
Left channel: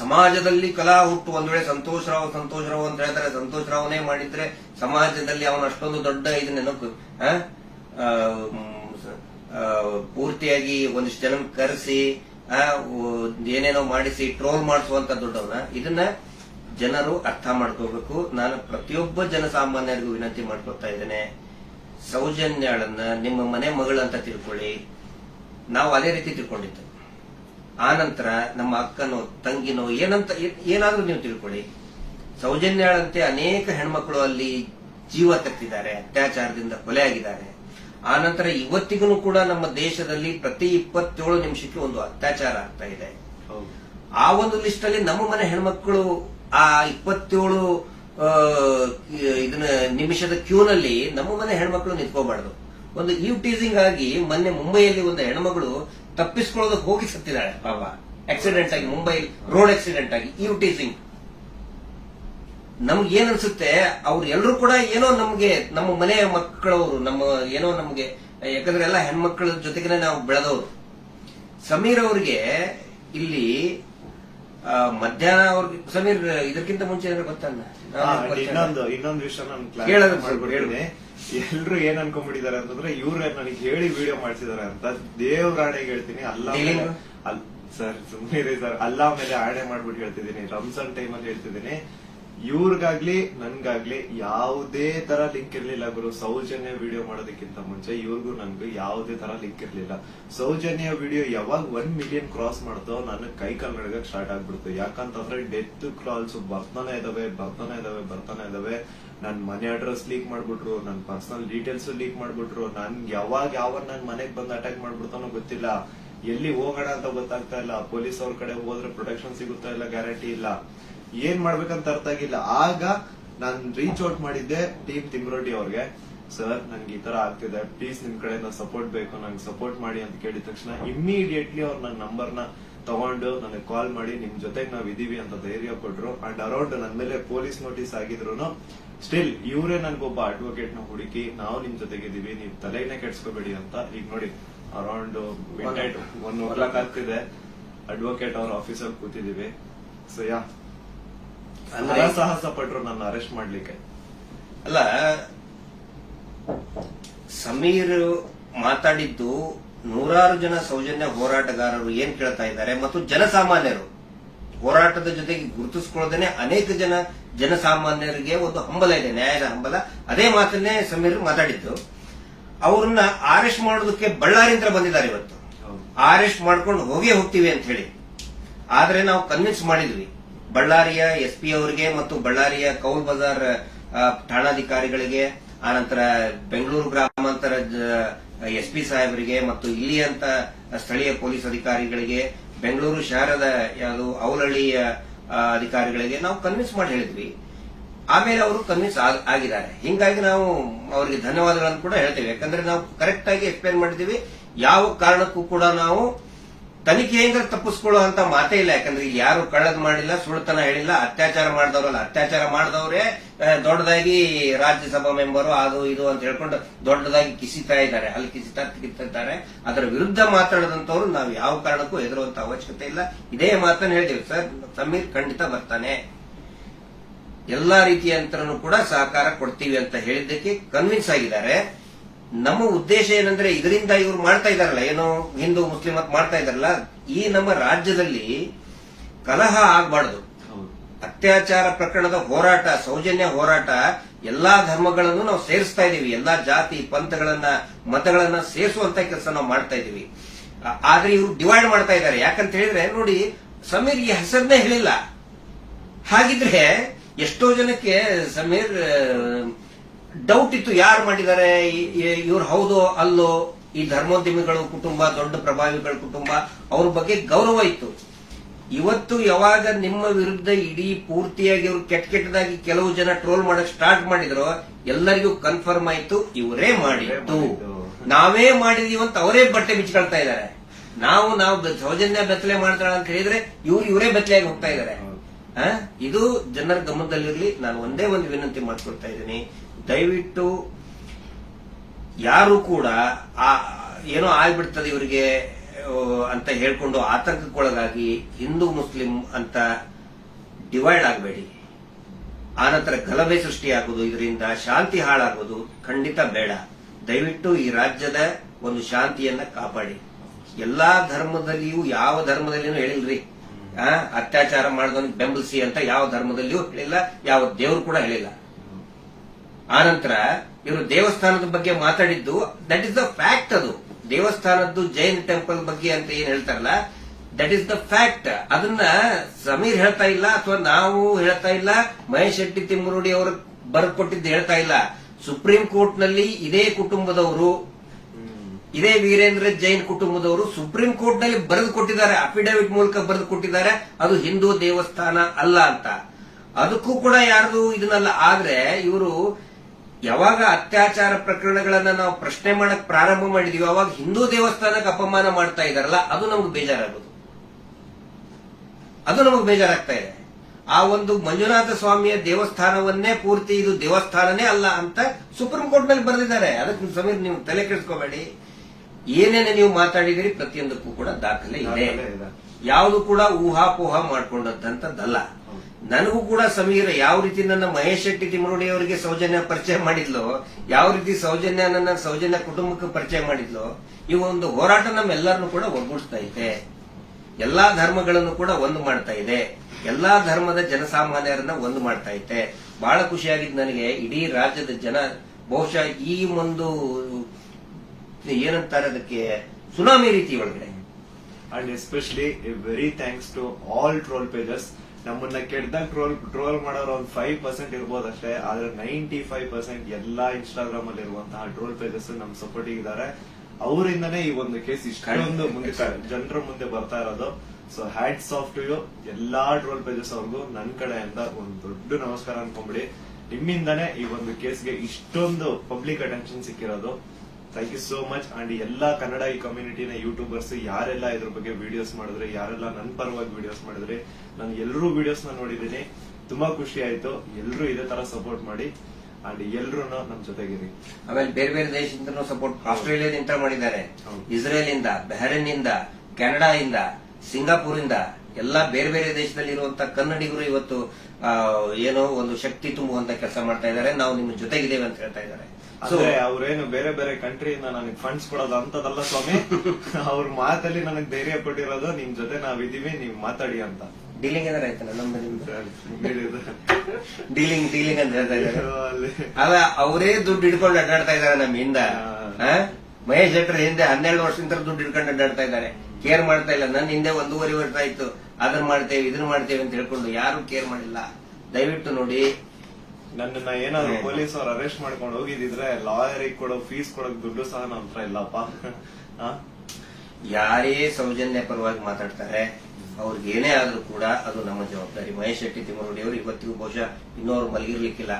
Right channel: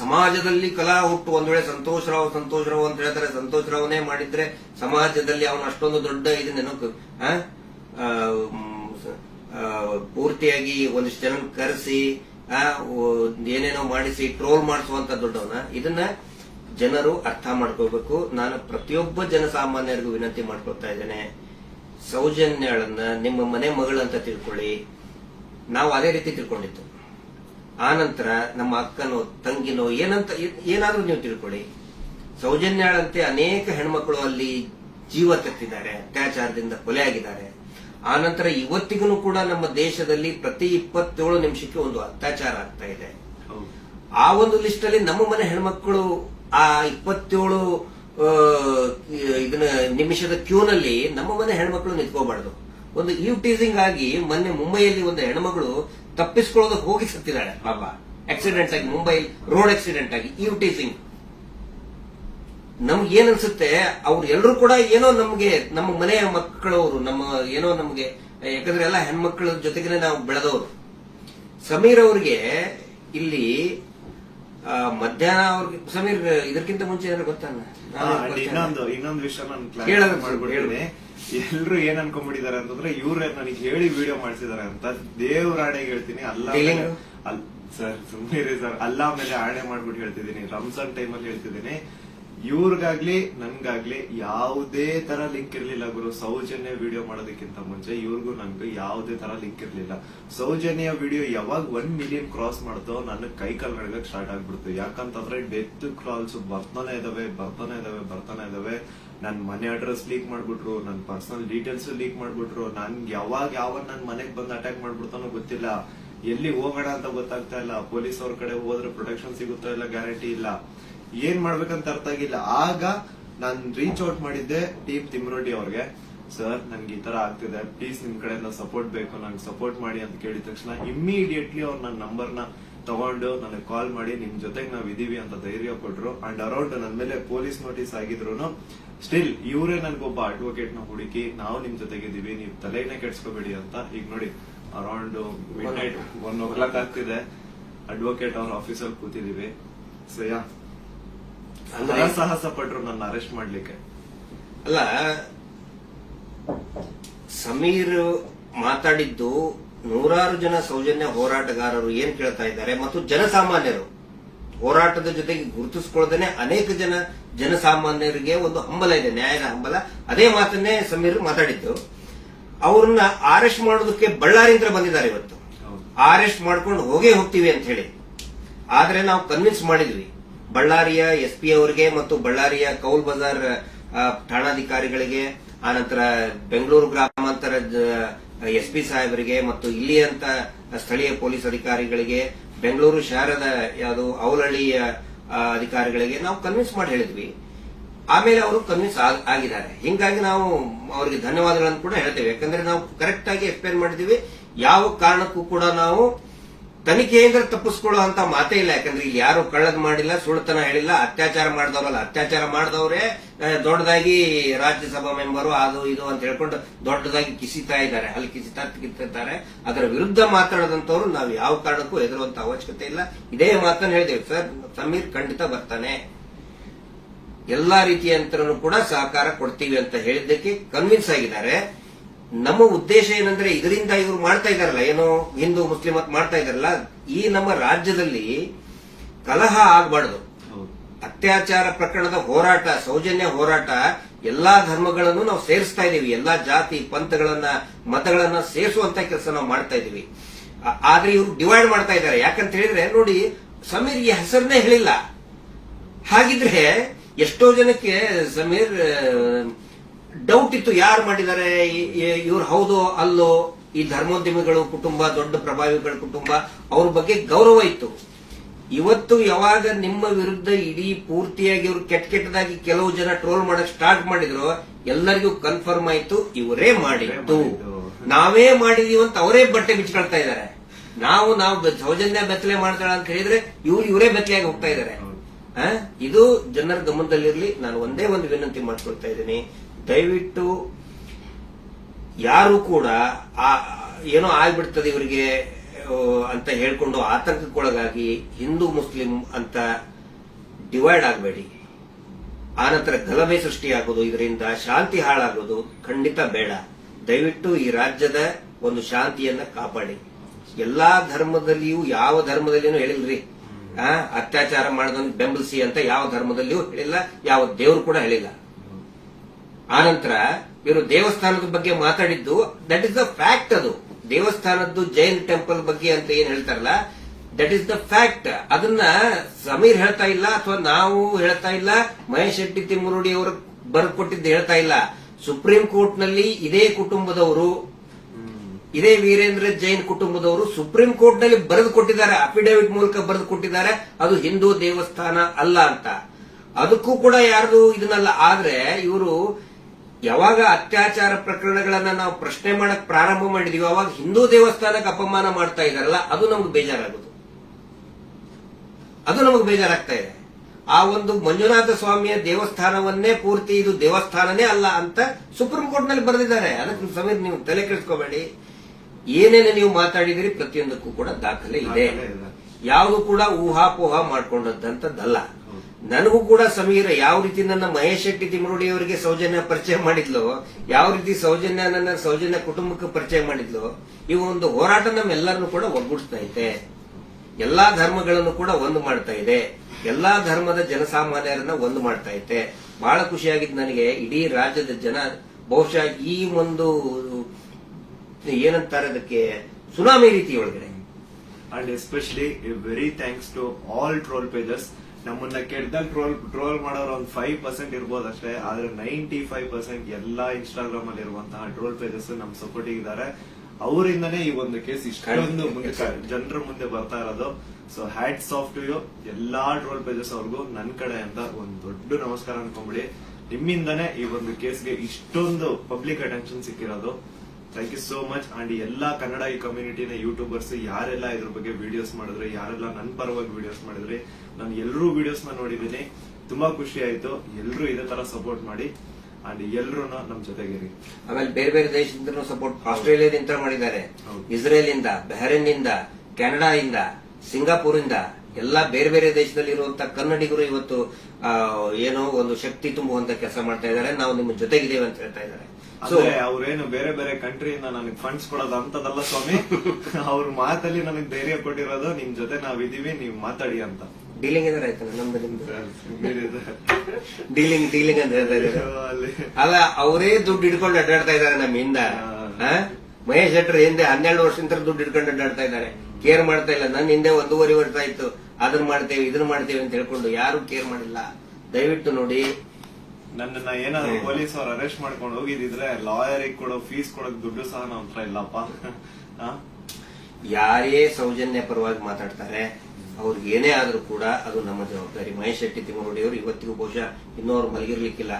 ಸಮಾಜದಲ್ಲಿ ಕಲಾ ಹುಟ್ಟು ಒಂದ್ ವೇಳೆ ಸಂತೋಷರಾವ್ ಅಂತ ಹೇಳ್ತಾರೆ, ಸಂತೋಷರಾವ್ನೇ ಮಾಡಿದ್ರೆ ಸಮಾಜದಲ್ಲಿ ಅವನು ಅಷ್ಟೊಂದು ದೊಡ್ಡ ಇದನ್ನೇನೋ ಪೂರ್ತಿಯಾಗಿ ಒಂದಿಷ್ಟು ಜನ ಕರೆಸಿ ಏನೇನೋ ಮಾಡಿಸಿ ಟ್ರೋಲ್ ಮಾಡಿಸುವಂತ ದೊಡ್ಡವನ. ಇದನ್ನ ಜನರು ಅರ್ಥ ಮಾಡ್ಕೋಬೇಕು. ನಾನು ಪ್ರತಿಯೊಬ್ಬ ಜನಸಾಮಾನ್ಯರಿಗೂ ವಿನಂತಿ ಮಾಡ್ಕೊತಾ ಇದ್ದೇನೆ, ಸೌಜನ್ಯಳನ್ನ ನಿಮ್ಮ ಮನೆ ಮಗಳಂತ ತಿಳ್ಕೊಳ್ಳಿ. ನಾವು ಅದೇ ರೀತಿ ತಿಳ್ಕೊಂಡಿದ್ದು. ಆನಂತರ ನಮ್ಮ ಅಕ್ಕನೋ ತಂಗಿನೋ ಏನಾದ್ರೂ ನೀವು ತಿಳ್ಕೊಳ್ಳಿ. ಸೌಜನ್ಯಳಂತೆ ಅನೇಕ ಹೆಣ್ಮಕ್ಳು ಅಲ್ಲಿ ಜೀವ ತೆತ್ತಿದ್ದಾರೆ, ಅತ್ಯಾಚಾರದಿಂದ ಕೊಲೆ ಆಗಿದ್ದಾರೆ. ಆನಂತರ ಇವತ್ತಿಗೂ ಕೂಡ ನಮ್ಮ ದೇಶದಲ್ಲಿ ಪ್ರತಿ 27 ನಿಮಿಷಕ್ಕೆ ಒಂದು ಅತ್ಯಾಚಾರ ಆಗ್ತಾ ಇದೆ. ಆ ಒಂದು ಲಿಸ್ಟ್ ಅಲ್ಲಿ ನಮ್ಮ ಮನೆ ಹೆಣ್ಮಕ್ಳು ಆ 27 ಇದನ್ನ ನಿಮಿಷದ ಕ್ಯೂನಲ್ಲಿ ನಮ್ಮ ಮನೆ ಹೆಣ್ಮಕ್ಳು ನಿಂತ್ಕೋಬಾರ್ದು. ಒಂದು ಈವ್ ಟೀಸಿಂಗ್ ಆಗಿ ಮೊನ್ನೆ ಮುಂಬೈಯಲ್ಲಿ ಒಂದು ಹೆಣ್ಮಗಳು ತಪ್ಪಿಸ್ಕೊಳ್ಳೋದಕ್ಕೆ ಹೋಗಿ ಸತ್ತಿದ್ದಾಳೆ ಪಾಪ, ಆಕ್ಸಿಡೆಂಟ್ ಆಗಿ, ಮುಂಬೈ ರೋಡ್ ಆಕ್ಸಿಡೆಂಟ್ ಆಗಿ. ಈವ್ ಟೀಸಿಂಗ್ ನಮ್ಗೆ ಏನ್ ಅನ್ಸುತ್ತೆ, ಅವ್ರು ಎಲ್ಲರೂ ಕೂಡ ಏನೋ ನಮ್ಗೆ ನಮ್ಮ ಮನೆಯ ಮಕ್ಕಳವರು, ನಮ್ಮ ಏನೋ ನಮ್ಗೆ, ಯಾಕಂದ್ರೆ ಎಲ್ಲ ಹೆಣ್ಮಕ್ಳ ಜೊತೆಗೆ ನಾವು ಬೆಳೆದವರು. ಸಮೀರ್ ಅವ್ರಿಗೆ ಇಲ್ಲಿ ಮಧ್ಯಾಹ್ನ ಅವ್ರಿಗೆ, ಸಮೀರ್ ಇದಕ್ಕಿಂತ ಮುಂಚೆ ಏನಾದ್ರು ಗೊತ್ತಾನ? ಇನ್ನೊಂದು ವಿಷಯ ನಾನು ಕ್ಲಾರಿಫೈ ಮಾಡ್ಬಿಡ್ತೀನಿ. ಎಲ್ರು ಏನ್ ಅನ್ಕೊಂಡ್ಬಿಟ್ಟಿದ್ದಾರೆ ಅಂತಂದ್ರೆ ಇವ್ರೆ ನನಗೆ ಹೇಳಿ ವಿಡಿಯೋ ಮಾಡ್ತಿದಾರೆ ಅಂತ. ದೇವ್ರ ಆಣೆಗೆ ಹೇಳ್ತೀನಿ, ಸರ್ ಸುಮ್ಮನೆ ಸರ್, ಅಲ್ಲಾ ಮೇಲೆ ಆಣೆ ಮಾಡ್ಬಿಟ್ಟು ಹೇಳ್ತಿದ್ದೀನಿ, ರಂಜಾನ್ ಟೈಮಲ್ಲಿ ಹೇಳ್ತಿದ್ದೀನಿ. ಇವ್ರಿಗಾಗ್ಲಿ ನನ್ಗಾಗ್ಲಿ ಯಾವುದೇ ತರ ಲಿಂಕ್ ಇರ್ಲಿಲ್ಲ ಗುರು. ಸೌಜನ್ಯ ವಿಡಿಯೋ ಮಾಡೋದಕ್ಕಿಂತ ಮುಂಚೆ ಇವ್ರಿಗೂ ನನ್ಗೂ ಯಾವುದೇ ತರ ಲಿಂಕ್ ಇರ್ಲಿಲ್ಲ. ಸೌಜನ್ಯ ವಿಡಿಯೋ ಯಾವಾಗ 1 ಮಿಲಿಯನ್ ಕ್ರಾಸ್ ಮಾಡ್ತೋ ನನ್ನ ಕೈ ಕಾಲ್ ನಡಗಕ್ ಸ್ಟಾರ್ಟ್ ಆಗ್ಬಿಡ್ತು. ಯಾಕಂತಂದ್ರೆ ಡೆತ್ ಕಾಲ್ಸ್ ಬರ್ತಾನೆ ಇದಾವೆ. ನನ್ ಮನೆ ಅಡ್ರೆಸ್ ಲೀಕ್ ಮಾಡ್ಬಿಟ್ರು, ನನ್ ಪರ್ಸನಲ್ ಡೀಟೇಲ್ಸ್ ಲೀಕ್ ಮಾಡ್ಬಿಟ್ರು. ನನ್ಗೆ ಯಾವಾಗ ನನ್ ಮನೆಗ್ ಬಂದು ಅಟ್ಯಾಕ್ ಮಾಡ್ಬಿಡ್ತಾನೋ ಗೊತ್ತಿಲ್ಲ. ಎಲ್ಲಿ ಹೋಗೋಣ ಅಂತ ಗೊತ್ತಾಗ್ತಾ ಇಲ್ಲ. ಪೊಲೀಸ್ ಅವ್ರ ಕಡೆ ಹೋದ್ರೆ ಪ್ರೊಟೆಕ್ಷನ್ ಸಿಗುತ್ತಾ ಇಲ್ಲ, ಗ್ಯಾರಂಟಿ ಇಲ್ಲ. ಏನ್ ಮಾಡ್ಬೇಕಂತ ಅರ್ಥ ಆಗಿಲ್ಲ. ಆಗ ನಾನ್ ರೀಚ್ ಔಟ್ ಮಾಡಿದ್ದೆ ಟೀಮ್ ತಿಮ್ರೋಟಿ ಅವ್ರಿಗೆ. ಸರ್ ನನ್ಗೆ ಈ ತರ ಆಗ್ತಿದೆ, ಪ್ಲೀಸ್ ನಿಮ್ ಕಡೆ ಸಪೋರ್ಟ್ ಬೇಕು, ನಂಗೆ ಸಪೋರ್ಟ್ ಮಾಡಿ ಅಂತ ಕೇಳಿದ ತಕ್ಷಣ ಇಮ್ಮಿಡಿಯೇಟ್ಲಿ ಅವ್ರು ನನ್ನ ನಂಬರ್ನ ತಗೊಂಡು ನನಗೆ ಕಾಲ್ ಮಾಡಿ ನಿಮ್ ಜೊತೆಗೆ ನಾವ್ ಇದೀವಿ ಅಂತ ಧೈರ್ಯ ಕೊಟ್ರು. ಅಂಡ್ ಅರೌಂಡ್ ನನ್ ಮೇಲೆ ಪೊಲೀಸ್ ನೋಟಿಸ್ ಆಗಿದ್ರು ಸ್ಟಿಲ್ ಇವರೇ ನನ್ಗೊಬ್ಬ ಅಡ್ವೊಕೇಟ್ ನ ಹುಡುಕಿ ನಾವು ನಿಮ್ ಜೊತೆಗಿದೀವಿ, ನೀವ್ ತಲೆನೇ ಕೆಡ್ಸ್ಕೋಬೇಡಿ ಅಂತ. ಈಗ ನೋಡಿ ಅರೌಂಡ್ ಮಿಡ್ ನೈಟ್ 1 ಆಗ್ತಿದೆ, ಅಡ್ವೊಕೇಟ್ ಅವ್ರ ಆಫೀಸಲ್ಲಿ ಕೂತಿದೀವಿ. ಸೊ ಯಾ ಸಾಹಸ ಪಟ್ರು ನನ್ನ ಅರೆಸ್ಟ್ ಮಾಡ್ಲಿಕ್ಕೆ. ಅಲ್ಲ, ಸಮೀರ್ ಮಾತಾಡಿದ್ದು ನೂರಾರು ಜನ ಸೌಜನ್ಯ ಹೋರಾಟಗಾರರು ಏನ್ ಕೇಳ್ತಾ ಇದ್ದಾರೆ ಮತ್ತು ಜನಸಾಮಾನ್ಯರು ಹೋರಾಟದ ಜೊತೆಗೆ ಗುರುತಿಸಿಕೊಳ್ಳದೇನೆ ಅನೇಕ ಜನಸಾಮಾನ್ಯರಿಗೆ ಒಂದು ಹಂಬಲ ಇದೆ, ನ್ಯಾಯದ ಹಂಬಲ. ಅದೇ ಮಾತನ್ನೇ ಸಮೀರ್ ಮಾತಾಡಿದ್ದು. ಅವ್ರನ್ನ ಅರೆಸ್ಟ್ ಮಾಡೋದಕ್ಕೆ ಬಳ್ಳಾರಿಯಿಂದ ಬಂದಿದ್ದಾರೆ ಇವತ್ತು. ಅರೆಸ್ಟ್ ಮಾಡ್ಕೊಂಡು ಹೋಗ್ತೀವಿ ಅಂತ ಹೇಳಿ. ಆದ್ರೆ ನಾವು ಕನ್ವಿನ್ಸ್ ಮಾಡಿದ್ವಿ ಬಳ್ಳಾರಿಯ ಎಸ್ಪಿ ಅವರಿಗೆ ಮತ್ತು ಬಳ್ಳಾರಿಯ ಕೌಲ್ ಬಜಾರ್ ಠಾಣಾಧಿಕಾರಿಗಳಿಗೆ, ಆನಂತರ ಬೆಂಗಳೂರು ಗ್ರಾಮಾಂತರ ಎಸ್ಪಿ ಸಾಹೇಬರಿಗೆ ಮತ್ತು ಇಲ್ಲಿಯಂತ ಸ್ಥಳೀಯ ಪೊಲೀಸ್ ಅಧಿಕಾರಿಗಳಿಗೆ, ಬೆಂಗಳೂರು ಶಹರದ ಯಾವುದು ಅವಲಹಳ್ಳಿಯ ಅಧಿಕಾರಿಗಳಿಗೆ ನಾವು ಕನ್ವಿನ್ಸ್ ಮಾಡಿ ಹೇಳಿದ್ವಿ. ಆಮೇಲೆ ಅವರು ಕನ್ವಿನ್ಸ್ ಆಗಿದ್ದಾರೆ. ಹಿಂಗಾಗಿ ನಾವು ಅವರಿಗೆ ಧನ್ಯವಾದಗಳನ್ನು ಕೂಡ ಹೇಳ್ತೇವೆ. ಯಾಕಂದ್ರೆ ನಾವು ಕರೆಕ್ಟ್ ಆಗಿ ಎಕ್ಸ್ಪ್ಲೇನ್ ಮಾಡಿದೀವಿ. ಯಾವ ಕಾರಣಕ್ಕೂ ಕೂಡ ನಾವು ತನಿಖೆಯಿಂದ ತಪ್ಪಿಸ್ಕೊಳ್ಳುವಂತ ಮಾತೇ ಇಲ್ಲ. ಯಾಕಂದ್ರೆ ಇಲ್ಲಿ ಯಾರು ಕಳ್ಳದ್ ಮಾಡಿಲ್ಲ, ಸುಳ್ತನ ಹೇಳಿಲ್ಲ, ಅತ್ಯಾಚಾರ ಮಾಡಿದವರಲ್ಲ. ಅತ್ಯಾಚಾರ ಮಾಡಿದವರೇ ದೊಡ್ಡದಾಗಿ ರಾಜ್ಯಸಭಾ ಮೆಂಬರು ಅದು ಇದು ಅಂತ ಹೇಳ್ಕೊಂಡು ದೊಡ್ಡದಾಗಿ ಕಿಸಿತಾ ಇದ್ದಾರೆ, ಅಲ್ಲಿ ಕಿಸಿತಾರೆ. ಅದರ ವಿರುದ್ಧ ಮಾತಾಡದಂತವ್ರು ನಾವು ಯಾವ ಕಾರಣಕ್ಕೂ ಹೆದರುವಂತ ಅವಶ್ಯಕತೆ ಇಲ್ಲ. ಇದೇ ಮಾತನ್ನು ಹೇಳಿದೇವೆ ಸರ್, ಸಮೀರ್ ಖಂಡಿತ ಬರ್ತಾನೆ, ಎಲ್ಲಾ ರೀತಿಯಂತರನು ಕೂಡ ಸಹಕಾರ ಕೊಡ್ತೀವಿ ಅಂತ ಹೇಳಿದ್ದಕ್ಕೆ ಕನ್ವಿನ್ಸ್ ಆಗಿದ್ದಾರೆ. ನಮ್ಮ ಉದ್ದೇಶ ಏನಂದ್ರೆ ಇದರಿಂದ ಇವರು ಮಾಡ್ತಾ ಇದಾರಲ್ಲ, ಏನು ಹಿಂದೂ ಮುಸ್ಲಿಂ ಅಂತ ಮಾಡ್ತಾ ಇದಾರಲ್ಲ, ಈ ನಮ್ಮ ರಾಜ್ಯದಲ್ಲಿ ಕಲಹ ಆಗಬಾರ್ದು. ಅತ್ಯಾಚಾರ ಪ್ರಕರಣದ ಹೋರಾಟ, ಸೌಜನ್ಯ ಹೋರಾಟ, ಎಲ್ಲಾ ಧರ್ಮಗಳನ್ನು ನಾವು ಸೇರಿಸ್ತಾ ಇದೀವಿ. ಎಲ್ಲಾ ಜಾತಿ ಪಂಥಗಳನ್ನ ಮತಗಳನ್ನ ಸೇರಿಸುವಂತ ಕೆಲಸ ನಾವು ಮಾಡ್ತಾ ಇದೀವಿ. ಆದ್ರೆ ಇವರು ಡಿವೈಡ್ ಮಾಡ್ತಾ ಇದ್ದಾರೆ. ಯಾಕಂತ ಹೇಳಿದ್ರೆ ನೋಡಿ, ಸಮೀರ್ ಈ ಹೆಸರನ್ನೇ ಹೇಳಿಲ್ಲ. ಹಾಗಿದ್ರೆ ಎಷ್ಟೋ ಜನಕ್ಕೆ ಸಮೀರ್ ಡೌಟ್ ಇತ್ತು, ಯಾರು ಮಾಡಿದ್ದಾರೆ, ಇವ್ರು ಹೌದೋ ಅಲ್ಲೋ. ಈ ಧರ್ಮೋದ್ಯಮಿಗಳು ಕುಟುಂಬ, ದೊಡ್ಡ ಪ್ರಭಾವಿಗಳ ಕುಟುಂಬ, ಅವ್ರ ಬಗ್ಗೆ ಗೌರವ ಇತ್ತು. ಇವತ್ತು ಯಾವಾಗ ನಿಮ್ಮ ವಿರುದ್ಧ ಇಡೀ ಪೂರ್ತಿಯಾಗಿ ಇವರು ಕೆಟ್ಟದಾಗಿ ಕೆಲವು ಜನ ಟ್ರೋಲ್ ಮಾಡಕ್ ಸ್ಟಾರ್ಟ್ ಮಾಡಿದ್ರು, ಎಲ್ಲರಿಗೂ ಕನ್ಫರ್ಮ್ ಆಯ್ತು ಇವರೇ ಮಾಡಿದ್ದು, ನಾವೇ ಮಾಡಿದೀವಿ ಅಂತ ಅವರೇ ಬಟ್ಟೆ ಬಿಚ್ಕೊಳ್ತಾ ಇದ್ದಾರೆ. ನಾವು ಸೌಜನ್ಯ ಬೆತ್ತಲೆ ಮಾಡ್ತಾಳ ಅಂತ ಹೇಳಿದ್ರೆ ಇವರೇ ಬೆತ್ತಲೆಯಾಗಿ ಹೋಗ್ತಾ ಇದ್ದಾರೆ. ಇದು ಜನರ ಗಮನದಲ್ಲಿರಲಿ. ನಾನು ಒಂದೇ ಒಂದು ವಿನಂತಿ ಮಾಡ್ಕೊಳ್ತಾ ಇದ್ದೀನಿ, ದಯವಿಟ್ಟು ಯಾರು ಕೂಡ ಏನೋ ಆಗ್ಬಿಡ್ತದೆ ಇವರಿಗೆ ಅಂತ ಹೇಳ್ಕೊಂಡು ಆತಂಕಕ್ಕೊಳಗಾಗಿ ಹಿಂದೂ ಮುಸ್ಲಿಂ ಅಂತ ಡಿವೈಡ್ ಆಗಬೇಡಿ. ಆನಂತರ ಗಲಭೆ ಸೃಷ್ಟಿಯಾಗೋದು, ಇದರಿಂದ ಶಾಂತಿ ಹಾಳಾಗೋದು ಖಂಡಿತ ಬೇಡ. ದಯವಿಟ್ಟು ಈ ರಾಜ್ಯದ ಒಂದು ಶಾಂತಿಯನ್ನ ಕಾಪಾಡಿ. ಎಲ್ಲಾ ಧರ್ಮದಲ್ಲಿಯೂ ಯಾವ ಧರ್ಮದಲ್ಲಿನೂ ಹೇಳಿಲ್ರಿ ಅತ್ಯಾಚಾರ ಮಾಡೋದನ್ನು ಬೆಂಬಲಿಸಿ ಅಂತ ಯಾವ ಧರ್ಮದಲ್ಲಿಯೂ ಹೇಳಿಲ್ಲ, ಯಾವ ದೇವರು ಕೂಡ ಹೇಳಿಲ್ಲ. ಆನಂತರ ಇವರು ದೇವಸ್ಥಾನದ ಬಗ್ಗೆ ಮಾತಾಡಿದ್ದು ದಟ್ ಇಸ್ ದ ಫ್ಯಾಕ್ಟ್. ಅದು ದೇವಸ್ಥಾನದ್ದು ಜೈನ್ ಟೆಂಪಲ್ ಬಗ್ಗೆ ಅಂತ ಏನ್ ಹೇಳ್ತಾರಲ್ಲ, ದಟ್ ಇಸ್ ದ ಫ್ಯಾಕ್ಟ್. ಅದನ್ನ ಸಮೀರ್ ಹೇಳ್ತಾ ಇಲ್ಲ, ಅಥವಾ ನಾವು ಹೇಳ್ತಾ ಇಲ್ಲ, ಮಹೇಶ್ ಶೆಟ್ಟಿ ತಿಮ್ಮರುಡಿ ಅವರು ಬರೆದುಕೊಟ್ಟಿದ್ದು ಹೇಳ್ತಾ ಇಲ್ಲ. ಸುಪ್ರೀಂ ಕೋರ್ಟ್ ನಲ್ಲಿ ಇದೇ ಕುಟುಂಬದವರು, ಇದೇ ವೀರೇಂದ್ರ ಜೈನ್ ಕುಟುಂಬದವರು ಸುಪ್ರೀಂ ಕೋರ್ಟ್ ನಲ್ಲಿ ಬರೆದು ಕೊಟ್ಟಿದ್ದಾರೆ, ಅಫಿಡವಿಟ್ ಮೂಲಕ ಬರೆದು ಕೊಟ್ಟಿದ್ದಾರೆ, ಅದು ಹಿಂದೂ ದೇವಸ್ಥಾನ ಅಲ್ಲ ಅಂತ. ಅದಕ್ಕೂ ಕೂಡ ಯಾರ್ದು ಇದನ್ನಲ್ಲ. ಆದ್ರೆ ಇವರು ಯಾವಾಗ ಅತ್ಯಾಚಾರ ಪ್ರಕರಣಗಳನ್ನ ನಾವು ಪ್ರಶ್ನೆ ಮಾಡಕ್ ಪ್ರಾರಂಭ ಮಾಡಿದೀವಿ, ಅವಾಗ ಹಿಂದೂ ದೇವಸ್ಥಾನಕ್ಕೆ ಅಪಮಾನ ಮಾಡ್ತಾ ಇದಾರಲ್ಲ, ಅದು ನಮ್ಗೆ ಬೇಜಾರಾಗೋದು, ಅದು ನಮಗೆ ಬೇಜಾರಾಗ್ತಾ ಇದೆ. ಆ ಒಂದು ಮಂಜುನಾಥ ಸ್ವಾಮಿಯ ದೇವಸ್ಥಾನವನ್ನೇ ಪೂರ್ತಿ ಇದು ದೇವಸ್ಥಾನನೇ ಅಲ್ಲ ಅಂತ ಸುಪ್ರೀಂ ಕೋರ್ಟ್ ನಲ್ಲಿ ಬರೆದಿದ್ದಾರೆ. ಅದಕ್ಕೆ ಸಮೀರ್ ನೀವು ತಲೆ ಕೆಡಿಸ್ಕೋಬೇಡಿ. ಏನೇನು ನೀವು ಮಾತಾಡಿದಿರಿ ಪ್ರತಿಯೊಂದಕ್ಕೂ ಕೂಡ ದಾಖಲೆ ಇದೆ. ಯಾವುದು ಕೂಡ ಊಹಾಪೋಹ ಮಾಡ್ಕೊಂಡಂತದ್ದಲ್ಲ. ನನಗೂ ಕೂಡ ಸಮೀರ್ ಯಾವ ರೀತಿ ನನ್ನ ಮಹೇಶ್ ಶೆಟ್ಟಿ ತಿಮ್ಮರುಡಿ ಅವರಿಗೆ ಸೌಜನ್ಯ ಪರಿಚಯ ಮಾಡಿದ್ಲು, ಯಾವ ರೀತಿ ನನ್ನ ಸೌಜನ್ಯ ಕುಟುಂಬಕ್ಕೆ ಪರಿಚಯ ಮಾಡಿದ್ಲು, ಈ ಒಂದು ಹೋರಾಟ ನಮ್ಮೆಲ್ಲರನ್ನು ಕೂಡ ಒಗ್ಗೂಡಿಸ್ತಾ ಇದೆ. ಎಲ್ಲಾ ಧರ್ಮಗಳನ್ನು ಕೂಡ ಒಂದು ಮಾಡ್ತಾ ಇದೆ, ಎಲ್ಲಾ ಧರ್ಮದ ಜನಸಾಮಾನ್ಯರನ್ನ ಒಂದು ಮಾಡ್ತಾ ಇದೆ. ಬಹಳ ಖುಷಿಯಾಗಿದ್ದು ನನಗೆ. ಇಡೀ ರಾಜ್ಯದ ಜನ ಬಹುಶಃ ಈ ಒಂದು ಏನಂತಾರೆ ಅದಕ್ಕೆ ಸುನಾಮಿ ರೀತಿ ಒಳಗಡೆ. And especially very thanks to all troll pages. ನಮ್ಮನ್ನ ಕೆಟ್ಟದಾಗ ಟ್ರೋಲ್ ಮಾಡೋರು ಒಂದು 5% ಇರ್ಬೋದಷ್ಟೇ, ಆದ್ರೆ 95% ಎಲ್ಲಾ ಇನ್ಸ್ಟಾಗ್ರಾಮ್ ಅಲ್ಲಿ ಇರುವಂತಹ ಟ್ರೋಲ್ ಪೇಜಸ್ ನಮ್ ಸಪೋರ್ಟ್ ಇದ್ದಾರೆ. ಅವರಿಂದನೇ ಈ ಒಂದು ಕೇಸ್ ಇಷ್ಟೊಂದು ಮುಂದೆ ಜನರ ಮುಂದೆ ಬರ್ತಾ ಇರೋದು. So hats off to you ಎಲ್ಲಾ ಟ್ರೋಲ್ ಪೇಜಸ್ ಅವ್ರಿಗೂ ನನ್ನ ಕಡೆ ಅಂತ ಒಂದು ದೊಡ್ಡ ನಮಸ್ಕಾರ ಅನ್ಕೊಂಬಿಡಿ. ನಿಮ್ಮಿಂದಾನೇ ಈ ಒಂದು ಕೇಸ್ಗೆ ಇಷ್ಟೊಂದು ಪಬ್ಲಿಕ್ ಅಟೆನ್ಷನ್ ಸಿಕ್ಕಿರೋದು. Thank you so much. And ಎಲ್ಲಾ ಕನ್ನಡ ಈ ಕಮ್ಯುನಿಟಿನ ಯೂಟ್ಯೂಬರ್ಸ್ ಯಾರೆಲ್ಲ ಇದ್ರ ಬಗ್ಗೆ ವಿಡಿಯೋಸ್ ಮಾಡಿದ್ರೆ, ಯಾರೆಲ್ಲ ನನ್ನ ಪರವಾಗಿ ವಿಡಿಯೋಸ್ ಮಾಡಿದ್ರೆ, ನಾನು ಎಲ್ಲರೂ ವಿಡಿಯೋಸ್ ನ ನೋಡಿದ್ದೀನಿ. ತುಂಬಾ ಖುಷಿ ಆಯ್ತು. ಎಲ್ಲರೂ ಇದೇ ತರ ಸಪೋರ್ಟ್ ಮಾಡಿ ಅಂಡ್ ಎಲ್ಲರೂ ನಮ್ ಜೊತೆಗಿರಿ. ಆಮೇಲೆ ಬೇರೆ ಬೇರೆ ದೇಶದಿಂದ ಸಪೋರ್ಟ್ ಆಸ್ಟ್ರೇಲಿಯಾದಿಂದ ಮಾಡಿದ್ದಾರೆ, ಇಸ್ರೇಲ್ ಇಂದ, ಬಹರೇನ್ ಇಂದ, ಕೆನಡಾ ಇಂದ, ಸಿಂಗಾಪುರ್ ಇಂದ, ಎಲ್ಲಾ ಬೇರೆ ಬೇರೆ ದೇಶದಲ್ಲಿ ಇರುವಂತಹ ಕನ್ನಡಿಗರು ಇವತ್ತು ಏನೋ ಒಂದು ಶಕ್ತಿ ತುಂಬುವಂತ ಕೆಲಸ ಮಾಡ್ತಾ ಇದ್ದಾರೆ. ನಾವು ನಿಮ್ಮ ಜೊತೆಗಿದ್ದೇವೆ ಅಂತ ಹೇಳ್ತಾ ಇದ್ದಾರೆ. ಅಂದ್ರೆ ಅವ್ರೇನು ಬೇರೆ ಬೇರೆ ಕಂಟ್ರಿಯಿಂದ ನನಗೆ ಫಂಡ್ಸ್ ಕೊಡೋದು ಅಂತದಲ್ಲ ಸ್ವಾಮಿ. ಅವ್ರ ಮಾತಲ್ಲಿ ನನಗೆ ಧೈರ್ಯ ಕೊಟ್ಟಿರೋದು, ನಿಮ್ ಜೊತೆ ನಾವಿದೀವಿ, ನೀವು ಮಾತಾಡಿ ಅಂತ. ಡೀಲಿಂಗ್ ಅಂದ್ರೆ ಆಯ್ತಲ್ಲ ನಮ್ದು ನಿಮ್ದು ಡೀಲಿಂಗ್ ಅಂತ ಹೇಳ್ತಾ ಇದ್ದಾರೆ. ಅದ ಅವರೇ ದುಡ್ಡು ಹಿಡ್ಕೊಂಡು ಅಡ್ಡಾಡ್ತಾ ಇದ್ದಾರೆ ನಮ್ಮಿಂದ. ಮಹೇಶ್ ಶೆಟ್ಟರ್ ಹಿಂದೆ 12 ವರ್ಷದಿಂದ ದುಡ್ಡು ಹಿಡ್ಕೊಂಡು ಅಡ್ಡಾಡ್ತಾ ಇದ್ದಾರೆ. ಕೇರ್ ಮಾಡ್ತಾ ಇಲ್ಲ. ನನ್ನ ಹಿಂದೆ 1.5 ವರ್ಷ ಆಯ್ತು ಅದನ್ನ ಮಾಡ್ತೇವೆ ಇದನ್ನ ಮಾಡ್ತೇವೆ ಅಂತ ಹೇಳ್ಕೊಂಡು ಯಾರು ಕೇರ್ ಮಾಡಿಲ್ಲ. ದಯವಿಟ್ಟು ನೋಡಿ, ನನ್ನನ್ನ ಏನಾದ್ರು ಪೊಲೀಸ್ ಅವ್ರು ಅರೆಸ್ಟ್ ಮಾಡ್ಕೊಂಡು ಹೋಗಿದ್ರೆ ಲಾಯರಿಗೆ ಕೊಡೋ ಫೀಸ್ ಕೊಡೋಕ್ ದುಡ್ಡು ಸಹ ನಮ್ಮ ಹತ್ರ ಇಲ್ಲಪ್ಪ. ಯಾರೇ ಸೌಜನ್ಯ ಪರವಾಗಿ ಮಾತಾಡ್ತಾರೆ ಅವ್ರಿಗೆ ಏನೇ ಆದ್ರೂ ಕೂಡ ಅದು ನಮ್ಮ ಜವಾಬ್ದಾರಿ. ಮಹೇಶ್ ಶೆಟ್ಟಿ ತಿಮ್ಮರುಡಿ ಅವರು ಇವತ್ತಿಗೂ ಬಹುಶಃ ಇನ್ನೂ ಅವ್ರು ಮಲಗಿರ್ಲಿಕ್ಕಿಲ್ಲ.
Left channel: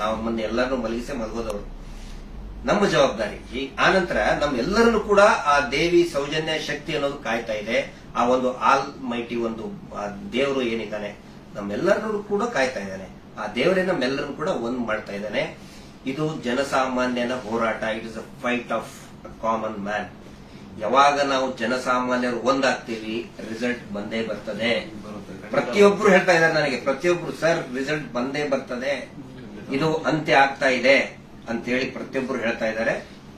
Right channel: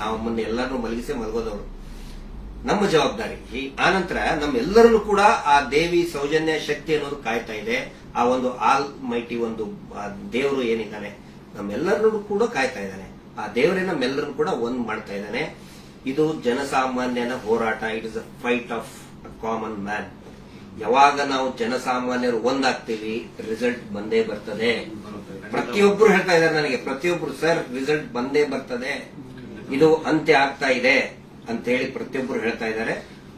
ನಾವು ಮೊನ್ನೆ ಎಲ್ಲರನ್ನೂ ಮಲಗಿಸೇ ಮಲಗೋದವರು. ನಮ್ಮ ಜವಾಬ್ದಾರಿ. ಆನಂತರ ನಮ್ಮೆಲ್ಲರನ್ನು ಕೂಡ ಆ ದೇವಿ ಸೌಜನ್ಯ ಶಕ್ತಿ ಅನ್ನೋದು ಕಾಯ್ತಾ ಇದೆ. ಆ ಒಂದು ಆಲ್ ಮೈಟಿ ಒಂದು ದೇವರು ಏನಿದ್ದಾನೆ ನಮ್ಮೆಲ್ಲರನ್ನು ಕೂಡ ಕಾಯ್ತಾ ಇದ್ದಾನೆ. ಆ ದೇವರೇ ನಮ್ಮೆಲ್ಲರನ್ನು ಕೂಡ ಒಂದ್ ಮಾಡ್ತಾ ಇದ್ದಾನೆ. ಇದು ಜನಸಾಮಾನ್ಯನ ಹೋರಾಟ. It is a fight of common man. ಯಾವಾಗ ನಾವು ಜನಸಾಮಾನ್ಯರು ಒಂದಾಗ್ತೀವಿ ರಿಸಲ್ಟ್ ಬಂದೇ ಬರ್ತದೆ. ಪ್ರತಿಯೊಬ್ರು ಹೇಳ್ತಾ ಇದ್ದಾರೆ ನನಗೆ, ಪ್ರತಿಯೊಬ್ರು ಸರ್ ರಿಸಲ್ಟ್ ಬಂದೇ ಬರ್ತದೆ, ಇದು ಅಂತ್ಯ ಆಗ್ತಾ ಇದೆ ಅಂತೇಳಿ ಪ್ರತಿಯೊಬ್ರು ಹೇಳ್ತಾ ಇದ್ದಾರೆ.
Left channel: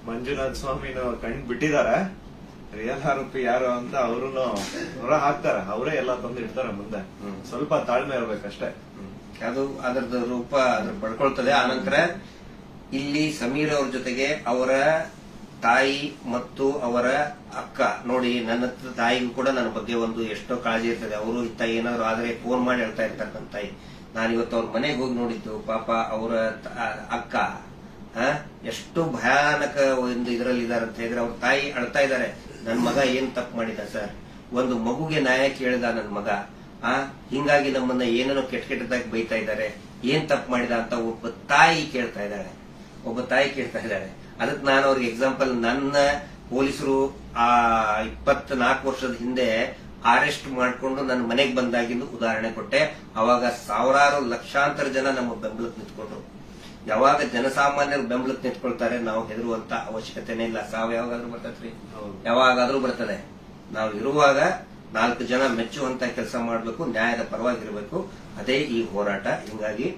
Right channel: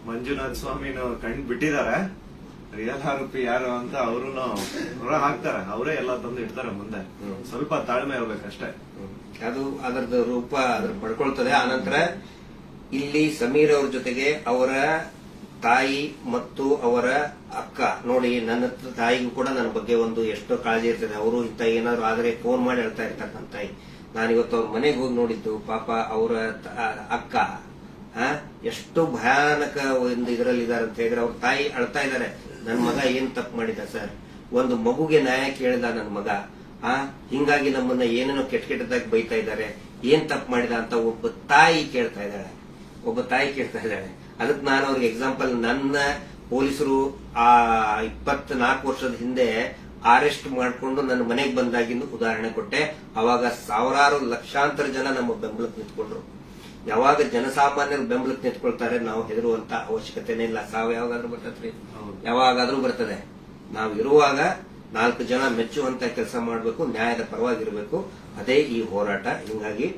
ಮಂಜುನಾಥ ಸ್ವಾಮಿನ ಕಣ್ ಬಿಟ್ಟಿದ್ದಾರೆ. ರಿಯಲ್ ಆರೋಪಿ ಯಾರು ಅಂತ ಅವರು ಹೊರ ಹಾಕ್ತಾರೆ. ಅವರೇ ಎಲ್ಲ ತಂದು ಇಡ್ತಾರೆ ಮುಂದೆ. ಸ್ವಲ್ಪ ತಾಳ್ಮೆ ಇರ್ಬೇಕಷ್ಟೇ. ಅದು ಅದರದ್ದು ರೂಪ ಅದ್ರ ಪಡ್ಕೊಳ್ತದೆ. ಆನಂತರ ಇಲ್ಲಿ ಸಮೀರ್ ಅವ್ರ ಜೊತೆಗೆ ಅವರ ತಾಯಿ ಮತ್ತು ಅವರ ಅಕ್ಕ ನೋಡಿ, ನನ್ನ ತಾಯಿಗೂ ಕೂಡ ನನ್ನ ಬಗ್ಗೆ ಒಂದು ಎಷ್ಟೋ ಕಾಳಜಿ ಇರ್ತದೆ. ಅವರು ಇತ್ತ ಏನಾದ್ರು ಆದ್ರೆ ಫೋನ್ ಮಾಡಿ ಹೇಳ್ತಾ ಇರ್ತಕ್ಕಂಥ ತಾಯಿ. ನಾನಿವತ್ತು ಅವ್ರ ಮನೆಗೆ ಹೋಗಿ ನೋಡಿದ್ದು, ಪಾಪ ಅವರ ಅಕ್ಕ ಎಷ್ಟು ಭಯಾನಕ ಒಂದು ಇದರಲ್ಲಿ ಇದಾರೆ ಅಂತ ಹೇಳಿದ್ರೆ ಅವ್ರ ತಾಯಿ ಅಳ್ತಾ ಇದ್ದಾರೆ. ನನ್ನ ಮಗ ಏನ್ ತಪ್ಪು ಮಾಡಿದ ಸರ್, ಒಂದು ಮಗುಗೆ ನ್ಯಾಯ ಕೇಳಿದ ನನ್ನ ಮಗ, ಹಿಂಗಾಗಿ ನಮ್ಮನ್ನ ಏನೇನೋ ಕೆಟ್ಟದಾಗಿ ಬೈತಾ ಇದ್ದಾರೆ, ಏನ್ ತಪ್ಪು ಮಾಡಿದ ಅಂತ ಒಬ್ಬ ತಾಯಿ ಕೇಳ್ತಾ ಇದ್ದಾಳೆ. ಅದಕ್ಕೆ ನಾನು ಅವ್ರಿಗೆ ಎಕ್ಸಾಂಪಲ್, ನನ್ನ ಪೊಲೀಸರು ಆ 24 ವರ್ಷದ ಹಿಂದೆ ಅರೆಸ್ಟ್ ಮಾಡಿಕೊಂಡು ನನ್ನ ಮನೆಗೆ ಬಂದಾಗಿಂದು ಉದಾಹರಣೆ ಕೊಟ್ಟೆ. ಅವಾಗ ಸಾವಿರಾರು ಲಕ್ಷಾಂತರ ಜನ ನಮ್ಮ ಬೆಂಬಲಕ್ಕೆ ನಿಂತ್ಕೊಂಡ್ರು. ಯಾವಾಗ ಜನಸಾಮಾನ್ಯರು ಬೆಂಬಲಕ್ಕೆ ನಿಂತ್ಕೊಳ್ತಾರೆ ನಾವು ಹೆದರುವಂತ ಅವಶ್ಯಕತೆನೇ ಇಲ್ಲ. ಸಾವು ಯಾವಾಗಾದ್ರೂ ಬರ್ತದ್ರಿ, ಯಾವಾಗಾದ್ರೂ ಬರ್ತದೆ. ನಾವು ಇರುವಾಗ 4 ಜನ ಮೆಚ್ಚುವಂತ ಕೆಲಸ ಮಾಡಬೇಕು, ನ್ಯಾಯದ ಪರವಾಗಿರಬೇಕು. ಅದೇ ಈ ಹೋರಾಟ. ಹಿಂಗಾಗಿ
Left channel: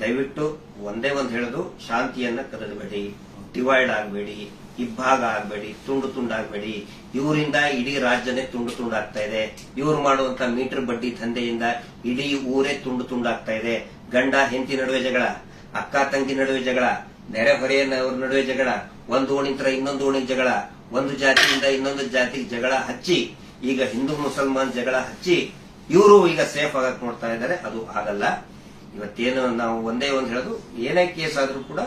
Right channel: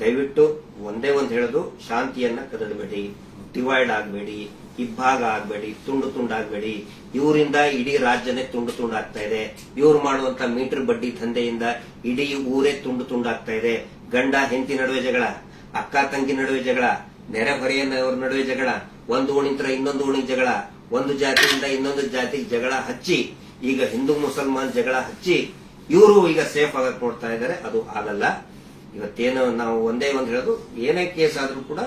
ದಯವಿಟ್ಟು ಒಂದೇ ಒಂದು ಹೇಳೋದು, ಶಾಂತಿಯನ್ನ ಕದಡಬೇಡಿ, ಡಿವೈಡ್ ಆಗಬೇಡಿ, ಇಬ್ಬಾಗ ಆಗಬೇಡಿ, ತುಂಡು ತುಂಡಾಗಬೇಡಿ. ಇವರಿಂದ ಇಡೀ ರಾಜ್ಯನೇ ತುಂಡು ತುಂಡಾಗ್ತಾ ಇದೆ. ಇವರು ಮಾಡುವಂತ ಮೀಟರ್ ಬಡ್ಡಿ ದಂಧೆಯಿಂದ ಇಡೀ ಊರೇ ತುಂಡು ತುಂಡಾಗ್ತಾ ಇದೆ. ಗಂಡ ಹೆಂಡತಿ ನಡುವೆ ಜಗಳ, ಅಕ್ಕ ತಂಗಿ ನಡುವೆ ಜಗಳ, ನೆರೆಹೊರೆಯವರ ನಡುವೆ ಜಗಳ, ಒಂದು ಓಣಿಂತ್ರ ಇನ್ನೊಂದು ಓಣಿಗೆ ಜಗಳ, ಒಂದು ಜಾತಿಯಿಂದ ಇನ್ನೊಂದು ಜಾತಿಗೆ ಜಗಳ ಹಚ್ಚಿ, ಈಗ ಹಿಂದೂ ಮುಸಲ್ಮಾನ್ ಜಗಳ ಹಚ್ಚಿ ಇವರು ಈಗ ಸೇಫ್ ಆಗಕ್ ನೋಡ್ತಾ ಇದ್ದಾರೆ. ಅದು ಆಗಲ್ಲ. ಇವತ್ತೇನು ನಾವು ಒಂದೇ ಒಂದು ಹೇಳೋದು, ಏನೇ ಕೇಸ್ ಆದ್ರೂ ಕೂಡ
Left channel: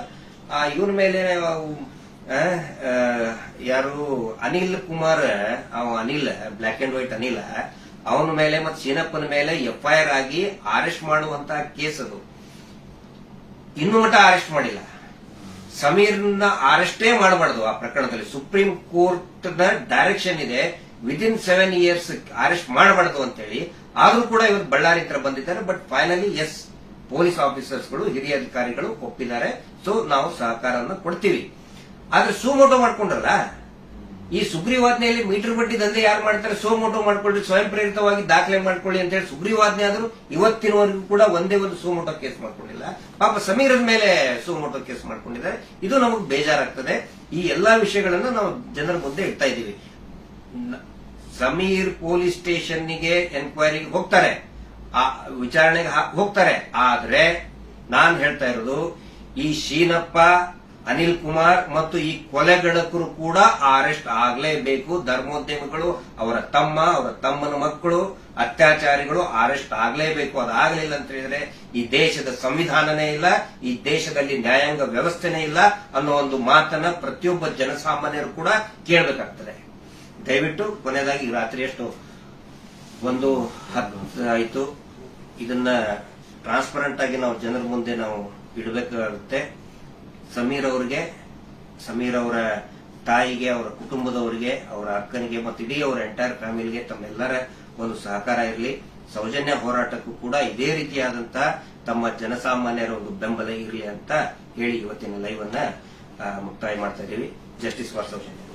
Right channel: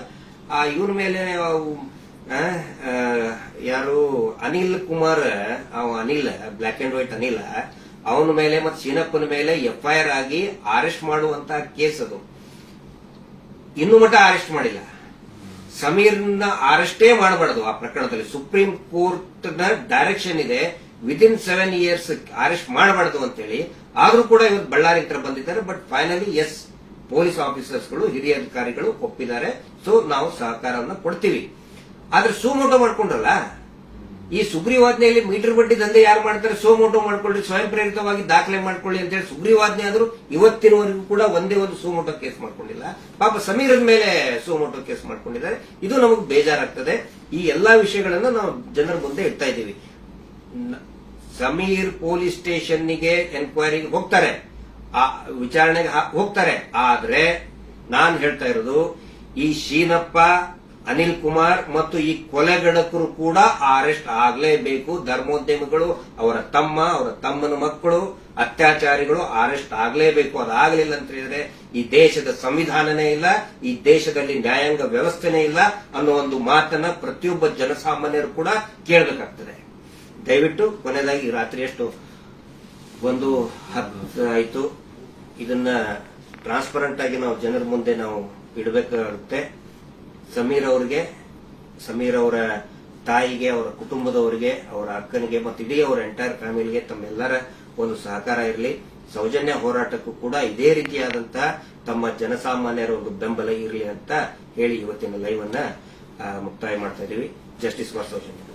ಇವನ ಮೇಲೆ ಯಾರು Anil Kumar, Anil black and white Anil, ಅವನ ಮೇಲೆ ಮತ್ತು ಸೀನಪ್ಪನ ಮೇಲೆ ಎಫ್ಐಆರ್ ಆಗಿ ಅರೆಸ್ಟ್ ಮಾಡುವಂತ ಕೇಸ್ ಅದು. ಇನ್ನೂ ಮಟ್ಟ ಅರೆಸ್ಟ್ ಮಾಡಿಲ್ಲ. ಸಮೀರ್ನ ಅರೆಸ್ಟೇ ಮಾಡಬಾರ್ದು ಆ ಪ್ರಕರಣದಲ್ಲಿ. ಸುಪ್ರೀಂ ಕೋರ್ಟ್ ನ ಡೈರೆಕ್ಷನ್ ಇದೆ, ವಿದಿನ್ 7 years ಅರೆಸ್ಟ್ ಮಾಡಬಾರ್ದು ಅಂತೇಳಿ. ಆದ್ರೂ ಕೂಡ ಇವತ್ತು ಬಳ್ಳಾರಿ ಹತ್ರ ಬಂದಿದ್ದಾರೆ. ಬಟ್ ಫೈನಲಿ ಎಸ್, ಪೊಲೀಸ್ ಆಫೀಸರ್ಸ್ಗಳು, ಹಿರಿಯ ಅಧಿಕಾರಿಗಳು ಒಪ್ಪಿದ್ದಾರೆ. ಸೊ ನಾವು ಸಹಕಾರವನ್ನು ಕೊಡ್ತೀವಿ. ಆದ್ರೆ ಸುಮೋಟೋ ಮಾಡ್ಕೊಂಡ್ರಲ್ಲ, ಈ ಸುಗ್ರೀವಾಜ್ಞೆಯಲ್ಲಿ ಮೀಟರ್ ಬಡ್ಡಿ ದಂಧೆ ಯಾರು ಮಾಡ್ತಾರೆ, ಸುಮೋಟೋ ಮಾಡ್ಕೊಳ್ಳಿ, ಸ್ವಯಂ ಪ್ರೇರಿತವಾಗಿ ದಾಖಲೆ ಮಾಡ್ಕೊಳ್ಳಿ ಅಂತ ಹೇಳಿ ಸುಗ್ರೀವಾಜ್ಞೆ ಆದ್ರೂ ಇವತ್ತಿನವರೆಗೂ ಕೂಡ ಒಂದೇ ಒಂದು ಸುಮೋಟೋ ಕೇಸ್ ಮಾಡ್ಕೊಂಡಿಲ್ಲ. ಪಾಪ ಸಮೀರದ ಮೇಲೆ ಸುಮೋಟೋ ಕೇಸ್ ಮಾಡ್ಕೊಂಡಿದ್ದಾರೆ. ಇದು ನಮಗೆ ಬೇಜಾರಾಗ್ತದೆ. ಈ ಎಲ್ಲಾ ವಿಷಯಗಳನ್ನ ನಾವು ಜನರ ಮುಂದೆ ಇಡ್ತಾ ಇದ್ದೀವಿ. ಸಮೀರ್ ಪೊಲೀಸ್ ಸ್ಟೇಷನ್ಗೆ ಎನ್ಕ್ವೈರಿಗೆ ಹೋಗ್ತಾರೆ, ಆ ವಿಚಾರಣೆಗೆ ಹೋಗ್ತಾರೆ. ಆದ್ರೆ ನಾನು ಹೇಳ್ತಾ ಇರೋದು, ಈ ಶೀನಪ್ಪ, ಅನಿಲ್ ಕುಮಾರ್ ಮತ್ತು ಈ ಕೊಲೆಗಡಕರು ಕೂಡ ಅರೆಸ್ಟ್ ಆಗಲೇಬೇಕು. ಧರ್ಮೋದ್ಯಮಿಗಳು, ಅವರ ತಮ್ಮ, ಅವರ ತಮ್ಮನ ಮಕ್ಕಳು, ಅತ್ಯಾಚಾರಿಗಳು ಅರೆಸ್ಟ್ ಆಗಲೇಬೇಕು. ಅದಾಗಲಿಲ್ಲ ಅಂತ ಹೇಳಿದ್ರೆ ಈ ದೇಶದ ಸಂವಿಧಾನನೇ ಇಲ್ಲ, ಈ ದೇಶದಲ್ಲಿ ನ್ಯಾಯಾಂಗ ವ್ಯವಸ್ಥೆನೇ ಇಲ್ಲ ಅನ್ನೋ ಒಂದು ಮಾತನ್ನ ಪ್ರತಿಯೊಬ್ಬ ಜನಸಾಮಾನ್ಯರು ಕೂಡ ಕೇಳಬೇಕಾಗ್ತದೆ. ದಯವಿಟ್ಟು ಕೊನೆಯದಾಗಿ ರಾತ್ರಿ ಎಷ್ಟು 1:10 ಆಯಿತು. ಇದನ್ನ ಟ್ರಾನ್ಸ್ಪರೆಂಟ್ ಆಗಿ ನಾವು ಜನರ ಮುಂದೆ ನಾವು ಇಡಬೇಕಾಗುತ್ತೆ. ಸಮೀರ್ ಅವರಿಗೆ, ಸಮೀರ್ ಅವರ ತಾಯಿಗೆ, ಅವರ ಕುಟುಂಬದವರಿಗೆ, ಅವರ ಅಕ್ಕನಿಗೆ ಮತ್ತು ಇಡೀ ಅವರ ಎಂಟೈರ್ ಫ್ಯಾಮಿಲಿಗೆ ತಮ್ಮೆಲ್ಲರ ಒಂದು ಸಹಕಾರ ಇರಲಿ. ಸೌಜನ್ಯ ಹೋರಾಟಕ್ಕೂ ಕೂಡ ಇದೇ ರೀತಿಯಾದಂತಹ ತಮ್ಮ ಜನಸಾಮಾನ್ಯರ ಒಂದು ಬೆಂಬಲ ಇರಲಿ ಅಂತ ಹೇಳಿ ಇವತ್ತಿನ ಲೈವ್ ಅನ್ನ ಮುಕ್ತಾಯ ಮಾಡ್ತಾ ಇದ್ದೀವಿ. Justice for Soujanya.